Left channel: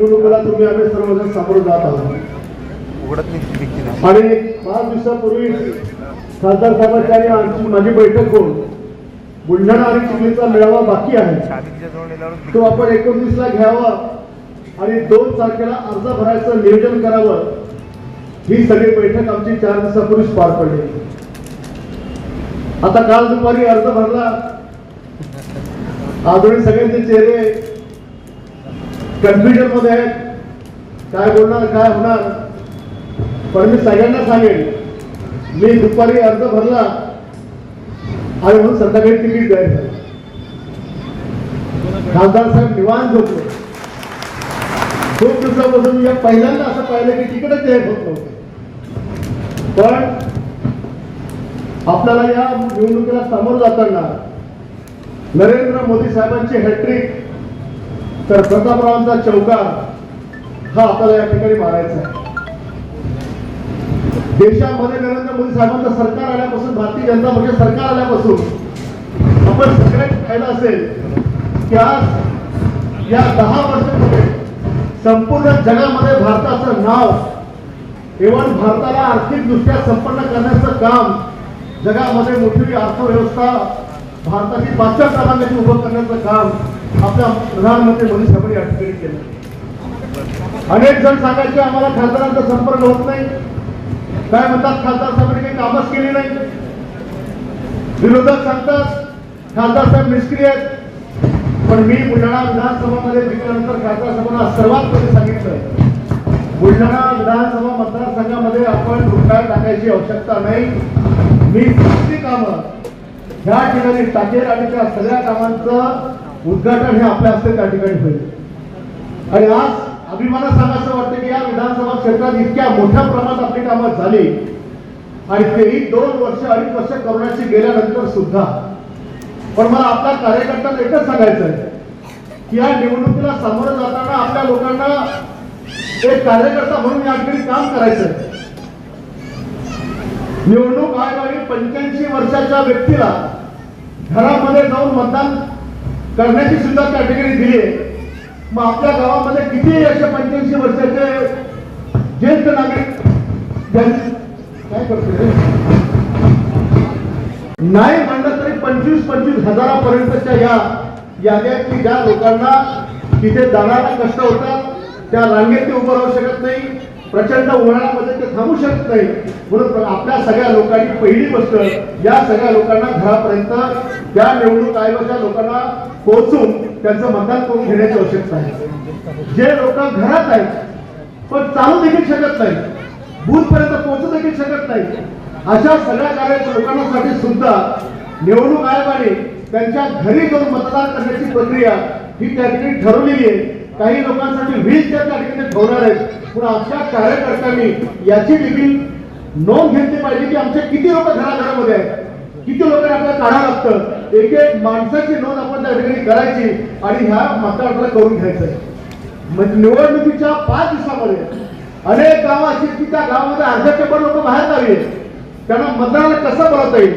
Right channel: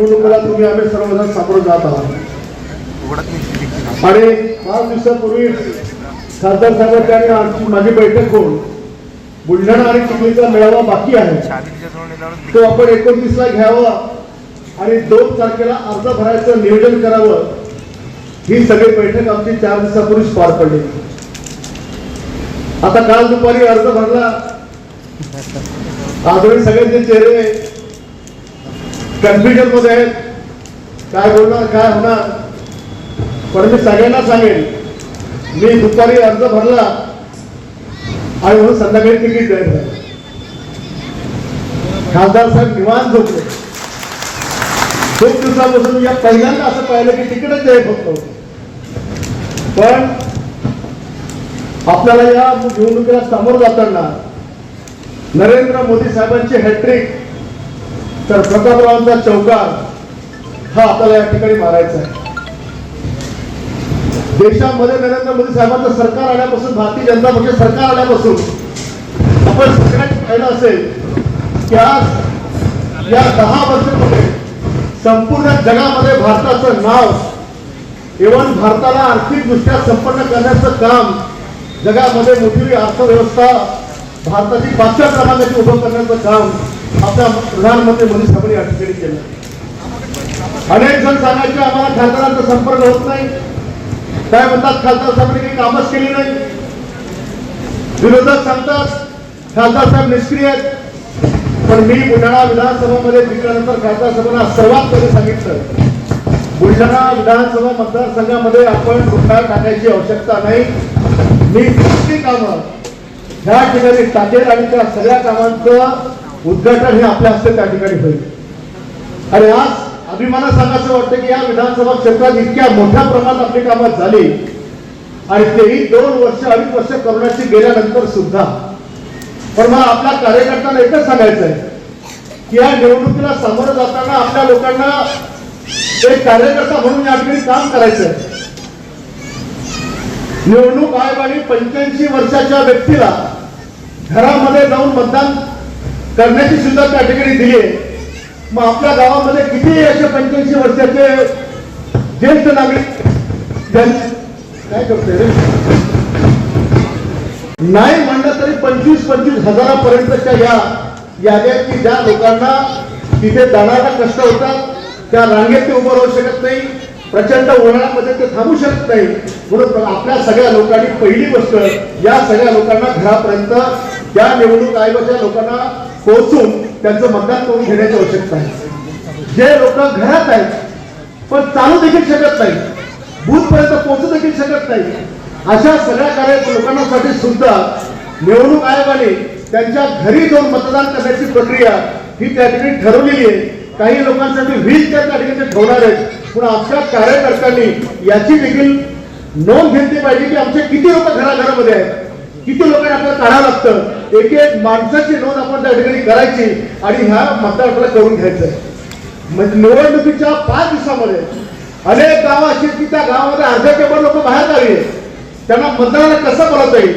निवडणुकीला तुम्ही आम्ही सर्वजण सामोरं जात आहोत. आणि पाच दिवसापूर्वी खासदार साहेबांच्या आणि आमची माझी बैठक होऊन बुलढाणा आणि चिखलीचा मेळावा बाकी आहे. तो आपण एकोणतीसला घ्यावा आणि दोन तारखेला अर्ज भरायचं नियोजन करावं. ही सगळी बैठक आमची चार दिवसापूर्वीच पार पडली. आता काल दुपारी अर्ज भरला. आजही सगळ्यांचे चेहरे कन्फ्युजनमध्ये आहेत. काय बोलणार काय होणार? पण मी सगळ्यांना सांगेन मी दुपारी अर्ज भरला आणि म्हणून संध्याकाळी तिकीट झालं खासदार साहेब निवांत झोपले. खूप दिवसापासून या पहिल्यांदा असं पाहिलं की तिकीटच जाहीर होत. नव्हतं पण आपल्याला या निवडणुकीला सामोरं जाताना नरेंद्र मोदी साहेबांचे हॅट्रिक तर प्रतापरावांचा चौकार हा आपल्याला या ठिकाणी मारायचा आहे. देशामध्ये नरेंद्र मोदी साहेबांचं सरकार आल्यापासून भारतीय जनता पक्ष सरकार आल्यापासून आपण सगळ्यांनी पाहिलं असेल की आज या दहा वर्षामध्ये संपूर्ण जगामध्ये भारताचं नाव इव्हन भारताला आर्थिकदृष्ट्या संपन्न करण्याचं काम जगामध्ये मोठी अर्थव्यवस्था भारताची पाचव्या स्थानामध्ये उभं करण्याचं काम आपल्या प्रधानमंत्री मोदी साहेबांनी या ठिकाणी केलं. अनेक जण सांगायचे आम्हाला खासदारांचा संपर्क होत नाही. काय म्हणतात खासदार साहेबांनी काही कामच केली नाही. विरोधक सांगतात खासदार साहेब निष्क्रिय आहेत. पण मी बुलढाणा विधानसभेमध्ये जिंकल्यानंतर खासदार साहेबांना सर्वात पहिले सांगितलं बुलढाणा विधानसभा मतदारसंघामध्ये आपण गुंडा टाकायची आवश्यकता नाही. मी कामं ह्या ठिकाणी टाकेल आणि त्या सगळ्या कामांचं उद्घाटन हे आपल्या हस्ते त्या ठिकाणी होईल. आणि आज अभिमाना सांगायचं वाटतं की या विधानसभा क्षेत्रात इतक्या मोठ्या प्रमाणात आपली कामात झाली. आणि तेही दोन वर्ष अडीच वर्ष करोनाची गेल्यानंतर सुद्धा. पण मला आपल्या कार्यकर्त्यांना एकच सांगायचं आहे की या निवडणुकीला सामोरं जाताना आपल्या लोकांना एक कार्यकर्ता म्हणून या ठिकाणी काम करायचं आहे निवडणूक आयोगाने पंच्याऐंशी वर्षाच्या व्यक्तीला घरामध्ये जाऊन मतदान करण्याची सुद्धा त्या ठिकाणी दिली आहे. मग आपल्या गावामध्ये किती असे पंच्याऐंशी वर्षाचे ज्येष्ठ नागरिक काय करते रे? नाही म्हणलं तरी पंचवीस पंचवीस हजारापर्यंतच्या या याद्या की ज्या लोकांना तिथे जाणारा कष्ट होता त्या रांगेत ते उभं राहू शकत नाही प्रचंड उन्हाळ्यामध्ये ते थांबू शकत नाही. म्हणून आपल्या सगळ्या लोकांनी पहिली गोष्ट या सगळ्या लोकांना घरापर्यंत त्या निवडणूक आयोगाच्या लोकांना पोहोचून त्यांचं मतदान करून घेण्याची आवश्यकता आहे. जे लोक घरात आहेत पण चालू देखील शकत नाही. बूथ पर्यंत पोहोचू देखील शकत नाही. अशा सगळ्या कार्य लोकांसाठी सुद्धा निवडणूक आयोगाने त्यांच्या घरी जाऊन मतदान करण्याची प्रक्रिया ही त्या ठिकाणी ठरवलेली आहे. काही लोकांसाठी वीज त्या ठिकाणी ठेवणार आहेत. पण आमच्या कार्यकर्त्यांनी याची देखील नोंद घेतली पाहिजे की आमचे किती लोक घराघरामध्ये आहेत. किती लोकांना आपल्याला काढावं लागतं. एक एक माणसाची नोंद आपण त्या ठिकाणी करायची आणि ह्या मतदाराला करून घ्यायचं. म्हणजे निवडणुकीच्या पाच दिवसामध्ये अनेक गावं अशी की त्या गावामध्ये अर्ध्या पेपर लोक बाहेर गावी त्यांना मतदाराला कसं भरवता येईल?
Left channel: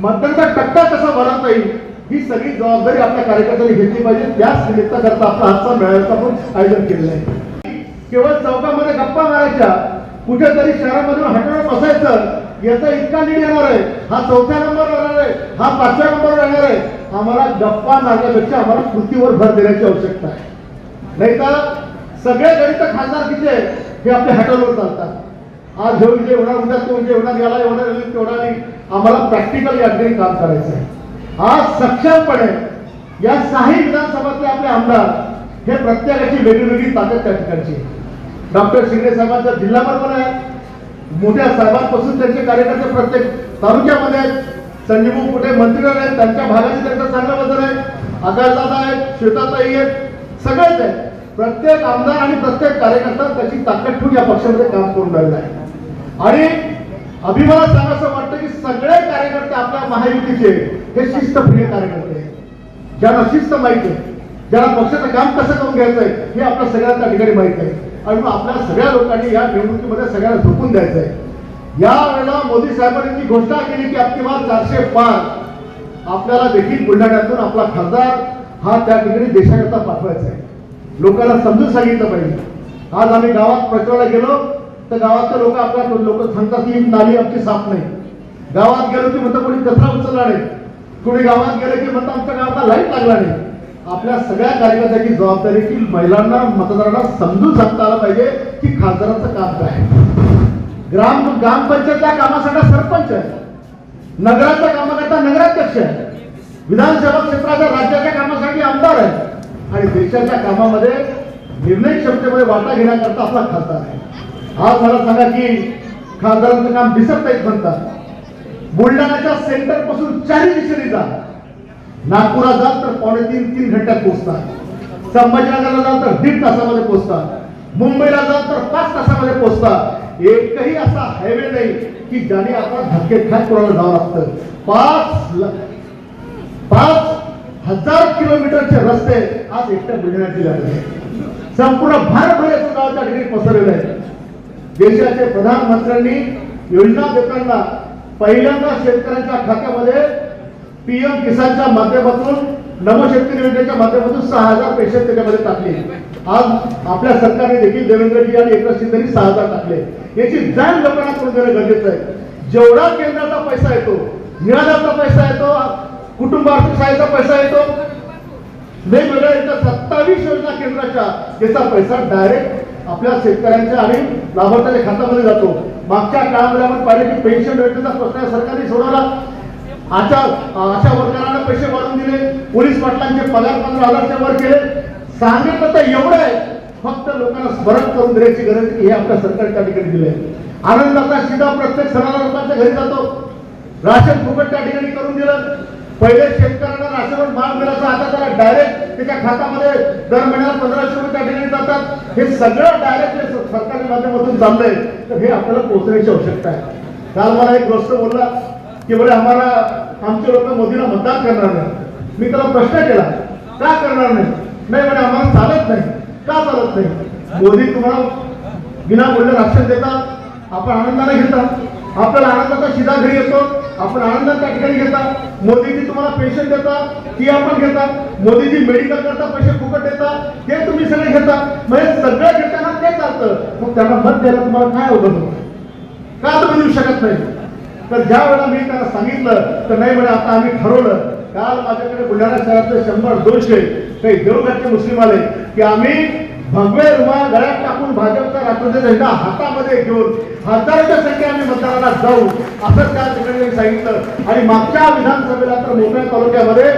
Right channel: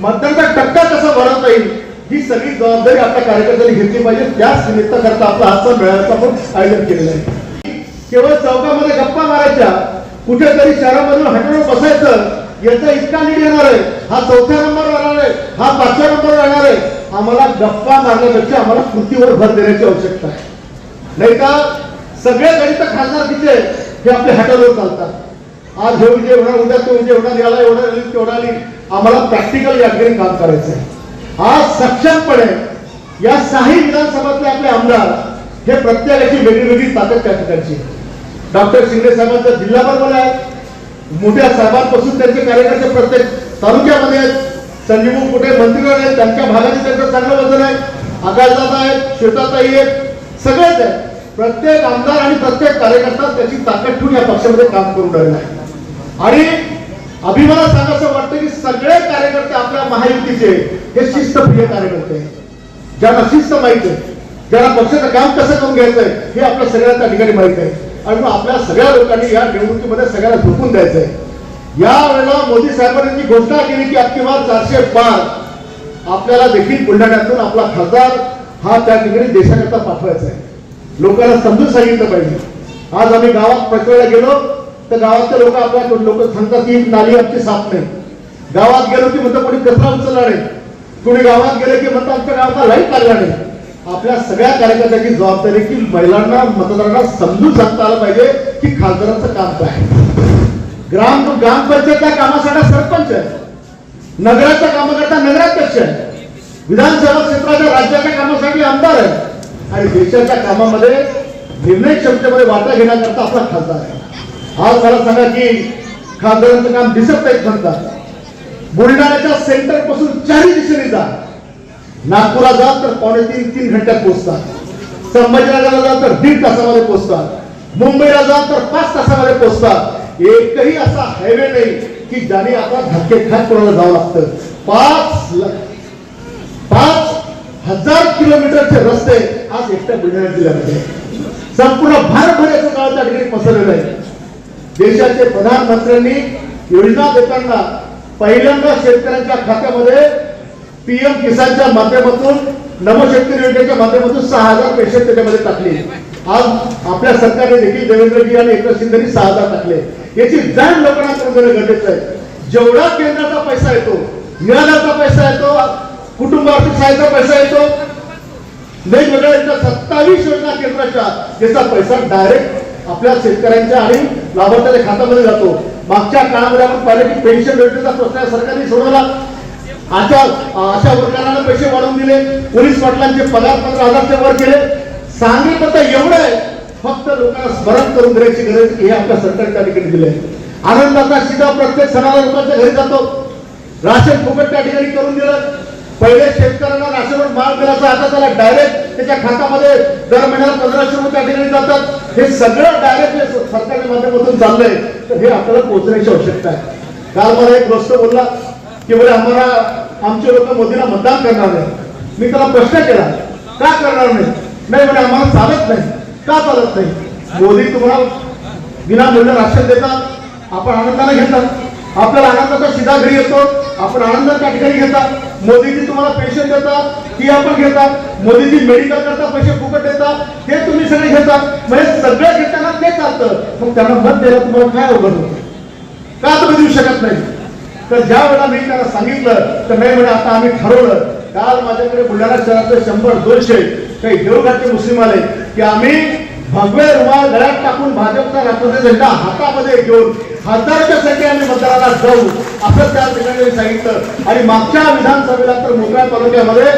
मतदानाचा टक्का कसा भरवता येईल? ही सगळी जबाबदारी आपल्या कार्यकर्त्यांनी घेतली पाहिजे. त्याच निमित्ताकरता आपला आजचा मेळाव्याचं आपण आयोजन केलेलं आहे. केवळ चौकामध्ये गप्पा मारायच्या कुठेतरी शहरामधून हटवून बसायचं याचा इतका लीड येणार आहे. हा चौथ्या नंबर राहणार आहे. हा पाचव्या नंबर राहणार आहे. आम्हाला गप्पा मारण्यापेक्षा आम्हाला कृतीवर भर देण्याची आवश्यकता आहे. नाही का? सगळे गणित खासदारकीचे हे आपल्या हॅटलवर चालतात. आज हे विजय होणार उद्या तो विजय होणार याला एवढा तेवढा आली आम्हाला प्रॅक्टिकल या काम करायचं आहे. आज सक्षमपणे या सहाही विधानसभातले आपले आमदार हे प्रत्येकाची वेगळीवेगळी ताकद त्या ठिकाणची आहे. डॉक्टर शिंदे साहेबांचा जिल्हा बरोबर आहे. मोठ्या साहेबांपासून त्यांचे कार्यकर्ते प्रत्येक तालुक्यामध्ये आहेत. संजीव कुठे मंत्रिगण आहेत त्यांच्या भागाने त्यांचं चांगलं वजन आहे. आकाशदादा आहेत श्वेताताई आहेत सगळेच आहेत. प्रत्येक आमदार आणि प्रत्येक कार्यकर्ता त्याची ताकद ठेवून या पक्षामध्ये काम करून राहिले आहे. आणि अभिमानात सांगायचं वाटतं की सगळे कार्यकर्ते आपल्या महायुतीचे हे शिस्तप्रिय कार्यकर्ते आहेत. ज्यांना शिस्त माहिती आहे ज्यांना पक्षाचं काम कसं करून घ्यायचं आहे हे आपल्या सगळ्यांना ठिकाणी माहीत आहे. आणि मग आपल्या सगळ्या लोकांनी या निवडणुकीमध्ये सगळ्यांना झोपून द्यायचं आहे या वेळेला मोदी साहेबांनी जी घोषणा केली की आपली बार चारशे पाच आपल्याला देखील बुलढाण्यातून आपला खासदार हा त्या ठिकाणी देशाकरता पाठवायचा आहे लोकांना समजून सांगितलं पाहिजे. आज आम्ही गावात प्रचाराला गेलो तर गावातले लोक आपल्या लोक सांगतात की नाली आमची साफ नाही. गावात गेलो की म्हणतात कोणी कचरा उचलला नाही. कोणी गावात गेले की म्हणतात आमच्या गावाला लाइट लागला नाही. आपल्या सगळ्या कार्यकर्त्याची जबाबदारी की महिलांना मतदारांना समजून सांगता आलं पाहिजे की खासदारांचं काम काय आहे. ग्राम ग्रामपंचायतच्या कामासाठी सरपंच आहे. नगराच्या कामाकरता नगराध्यक्ष आहे. विधानसभा क्षेत्राच्या राज्याच्या कामासाठी आमदार आहे. आणि देशाच्या कामामध्ये निर्णय क्षमतेमध्ये वाटा घेण्याकरता आपला खासदार आहे. आज मला सांगा की खासदारांचं काम दिसत नाही म्हणतात बुलढाण्याच्या सेंटरपासून चारही दिशेने नागपुरात जाल तर पावणे तीन तीन घंट्यात पोहोचतात. संभाजीनगरला जाल तर दीड तासामध्ये पोहोचतात. मुंबईला जाल तर पाच तासामध्ये पोहोचतात. एकही असा हायवे नाही की ज्याने आता धक्के खात कोणाला जावं लागतं. पाच पाच हजार किलोमीटरचे रस्ते आज एकट्या गुन्ह्याची लागले संपूर्ण भारतभर याचं काळ त्या ठिकाणी पसरलेलं आहे. देशाचे प्रधानमंत्र्यांनी योजना देताना पहिल्यांदा शेतकऱ्यांच्या खात्यामध्ये पीएम किसानच्या माध्यमातून नवशक्ती योजनेच्या माध्यमातून सहा हजार पैसे त्याच्यामध्ये टाकले. आज आपल्या सरकारने देखील देवेंद्रजी आणि एकनाथ शिंदेनी सहा हजार टाकले. याची जाण लोकांना करून गरजेचं आहे. जेवढा केंद्राचा पैसा येतो निराधारचा पैसा येतो कुटुंब सहायता पैसा येतो वेगवेगळ्या यांच्या सत्तावीस योजना केंद्राच्या याचा पैसा डायरेक्ट आपल्या शेतकऱ्यांच्या आणि लाभार्थ्याच्या खात्यामध्ये जातो. मागच्या काळामध्ये आपण पाहिलं की पेन्शन योजनेचा प्रश्न सरकारने सोडवला. अशा अशा वर्गाला पैसे वाढवून दिले पोलीस पाटलांचे पगार पंधरा हजारच्या वर केले. सांगितलं तर एवढं आहे फक्त लोकांना स्मरण करून देण्याची गरज हे आपल्या सरकारच्या त्या ठिकाणी दिले आनंदाचा शिदा प्रत्येक सणाला लोकांच्या घरी जातो. राशन फुकट त्या ठिकाणी करून दिलं. पहिले शेतकऱ्यांना राशनवर माल मिळायचा आता त्याला डायरेक्ट त्याच्या खात्यामध्ये दर महिन्याला पंधराशे रुपये त्या ठिकाणी जातात. हे सगळं डायरेक्ट सरकारच्या माध्यमातून चाललंय. तर हे आपल्याला पोहोचण्याची आवश्यकता आहे. काल मला एक गोष्ट बोलला. की बरे आम्हाला आमचे लोक मोदीला मतदान करणार नाही मी त्याला प्रश्न केला का करणार नाही नाही म्हणजे आम्हाला चालत नाही. का चालत नाही? मोदी तुम्हाला विना मूल्य राक्षस देतात. आपण आनंदाने घेतात. आपल्याला आनंदाचा शिधा घरी येतो. आपण आनंदा त्या ठिकाणी घेतात. मोदीजी तुम्हाला पेन्शन देतात. ती आपण घेतात. मोदीजी मेडिकल करता पैसे फुकट देतात. ते तुम्ही सगळे घेतात. म्हणजे सगळ्या घेताना ते चालतं. मग त्यांना मत द्यायला तुम्हाला काय अवघड का तुम्ही देऊ शकत नाही? तर ज्या वेळेला मी त्यांना सांगितलं तर नाही म्हणे आता आम्ही ठरवलं. काल माझ्याकडे बुलढाणा शहरातले शंभर दोनशे काही देवघाटचे मुस्लिम आले की आम्ही भगवे रुमाल घरात टाकून भाजपचा राष्ट्रपती झेंडा हातामध्ये घेऊन हजारोच्या संख्या आम्ही मतदाराला जाऊ असं त्या ठिकाणी सांगितलं. आणि मागच्या विधानसभेला तर मोकळ्या तालुक्यामध्ये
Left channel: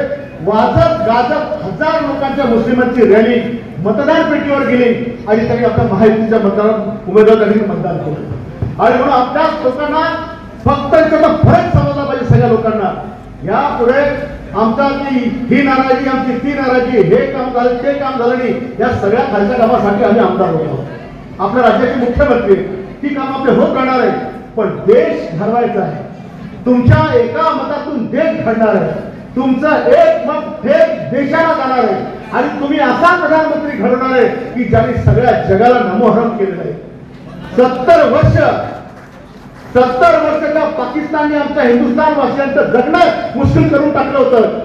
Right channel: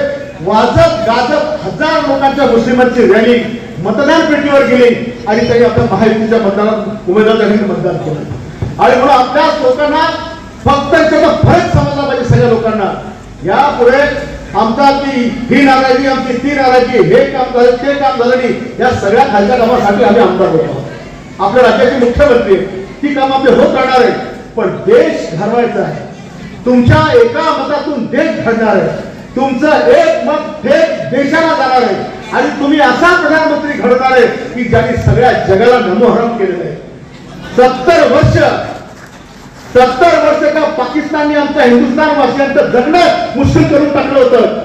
वाजत गाजत हजार लोकांच्या मुस्लिमांची रॅली मतदान पेटीवर गेली आणि त्यांनी आपल्या महायुतीच्या मतदार उमेदवार त्यांनी मतदान केलं. आणि म्हणून आपल्याच लोकांना फक्त त्याचा फरक समजला पाहिजे सगळ्या लोकांना. यापुढे आमचा की ही नाराजी आमची ती नाराजी हे काम झालं ते काम झालं नाही. या सगळ्या खालच्या कामासाठी आम्ही आमदार होतो आपल्या राज्याचे मुख्यमंत्री ती काम आपले होत राहणार आहे पण देश घडवायचा आहे. तुमच्या एका मतातून देश घडणार आहे. तुमचं एक मत हे देशाला जाणार आहे. आणि तुम्ही असा प्रधानमंत्री घडवणार आहे की ज्यांनी सगळ्या जगाला नमोहरम केलेलं आहे. सत्तर वर्ष सत्तर वर्ष का पाकिस्तानने आमच्या हिंदुस्थान वासियांचं जगणं मुश्किल करून टाकलं होतं.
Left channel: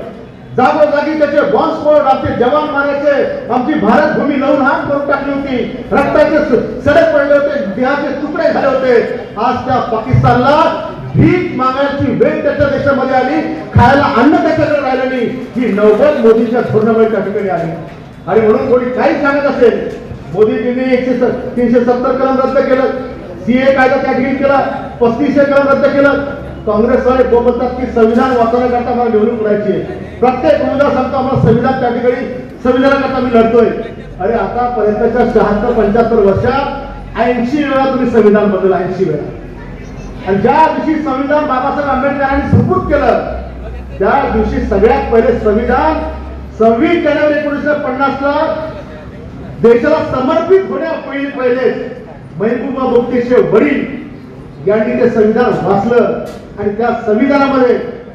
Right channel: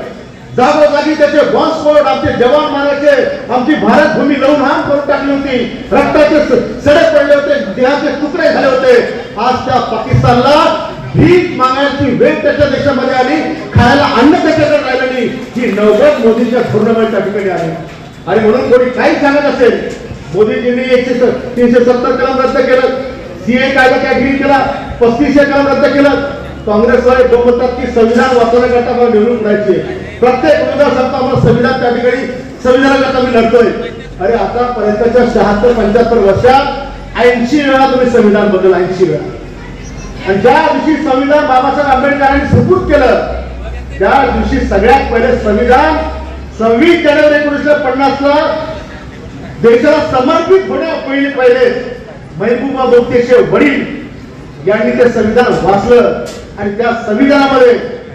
जागोजागी त्याचे बॉम्बस्फोट आमचे जवान मारायचे आमची भारत भूमी लवून हाम करून टाकली होती. रक्ताचे सडे पडले होते देहाचे तुकडे झाले होते. आज त्या पाकिस्तानला भीक मागायची वेळ त्याच्या देशामध्ये आली खायला अन्न त्याच्याकडे राहिलं नाही. ही नव्वद मोदीच्या धोरणामुळे ठिकाणी आली आणि म्हणून कोणी काही सांगत असेल मोदीजींनी एकशे तीनशे सत्तर कलम रद्द केलं. सीए कायदा त्या ठिकाणी केला पस्तीसशे कलम रद्द केलं. काँग्रेसवाले बोलतात की संविधान वाचवण्याकरता मला निवडून करायची प्रत्येक उमेदवार सांगतो आम्हाला संविधान त्या ठिकाणी संविधानाकरता मी लढतोय. अरे आतापर्यंतच्या शहात्तर पंच्याहत्तर वर्षात ऐंशी वेळा तुम्ही संविधान बदल ऐंशी वेळा. आणि ज्या दिवशी संविधान बाबासाहेब आंबेडकरांनी सुपूत केलं त्या दिवशी सगळ्यात पहिले संविधान सव्वीस जानेवारी एकोणीसशे पन्नास ला देशाला समर्पित होण्यापहिले पहिले. महबूबा मुफ्तीचे वडील यांनी ते संविधान वाचलं आणि त्या संविधानामध्ये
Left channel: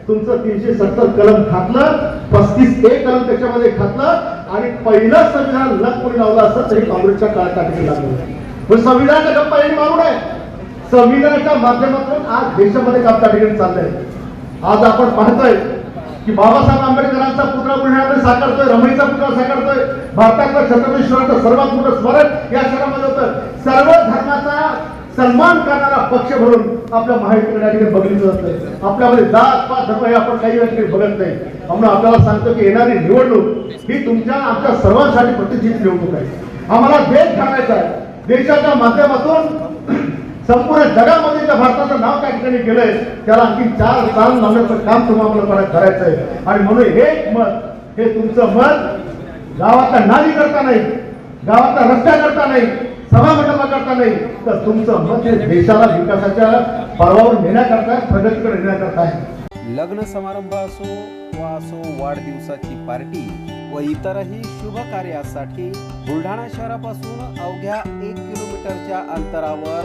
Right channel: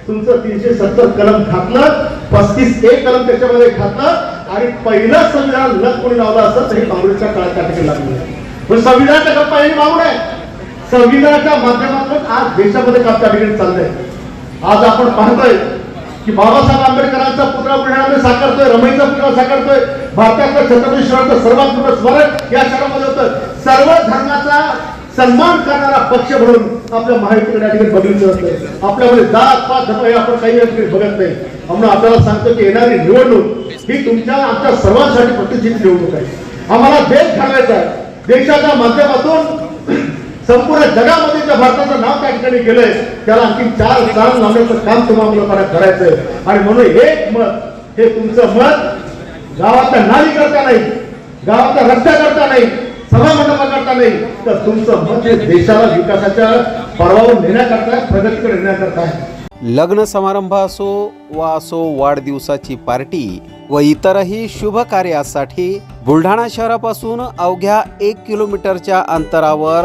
तुमचं तीनशे सत्तर कलम घातलं पस्तीस एक कलम त्याच्यामध्ये घातलं आणि पहिलं संविधान न कोणी लावलं असतं तरी काँग्रेसच्या काळात त्या लागलं. पण संविधानाचा गप्पा यांनी मागून आहे. संविधानाच्या माध्यमातून आज देशामध्ये काम त्या ठिकाणी चाललंय आज आपण पाहतोय की बाबासाहेब आंबेडकरांचा पुतळा बुलढाण्यामध्ये साकारतोय रमणीचा पुतळा साकारतोय. भारतातलं छत्रपती शिवाचं सर्वात मोठं स्मरण या शहरामध्ये होतं. सर्व धर्माचा सन्मान करणारा पक्ष म्हणून आपल्या महायुतीकडे या ठिकाणी बघितलं जातं. आपल्यामध्ये जात पात धर्म हे आपण काही या ठिकाणी बघत नाही. म्हणून आपल्याला सांगतो की येणारी निवडणूक ही तुमच्या आमच्या सर्वांसाठी प्रतिष्ठित निवडणूक आहे. आम्हाला देश घडवायचा आहे. देशाच्या माध्यमातून संपूर्ण जगामध्ये ज्या भारताचं नाव त्या ठिकाणी गेलंय त्याला आणखी चार चांग लावण्याचं काम तुम्हाला लोकांना करायचं आणि म्हणून एक मत हे तुमचं मत गावाचा नाली करता नाही गावाचा रस्ता करता नाही सभा मंडपा करता नाही तर तुमचं मत हे देशाला विकासाच्या पर्वावर नेण्याकरता प्रगतीकडे नेण्याकरता आहे. लग्न समारंभ असो वा असो वाढदिवसाची पार्टी व इतरही शुभ कार्यासाठी बुलढाणा शहरापासून अवघ्या एक किलोमीटरच्या अंतरावर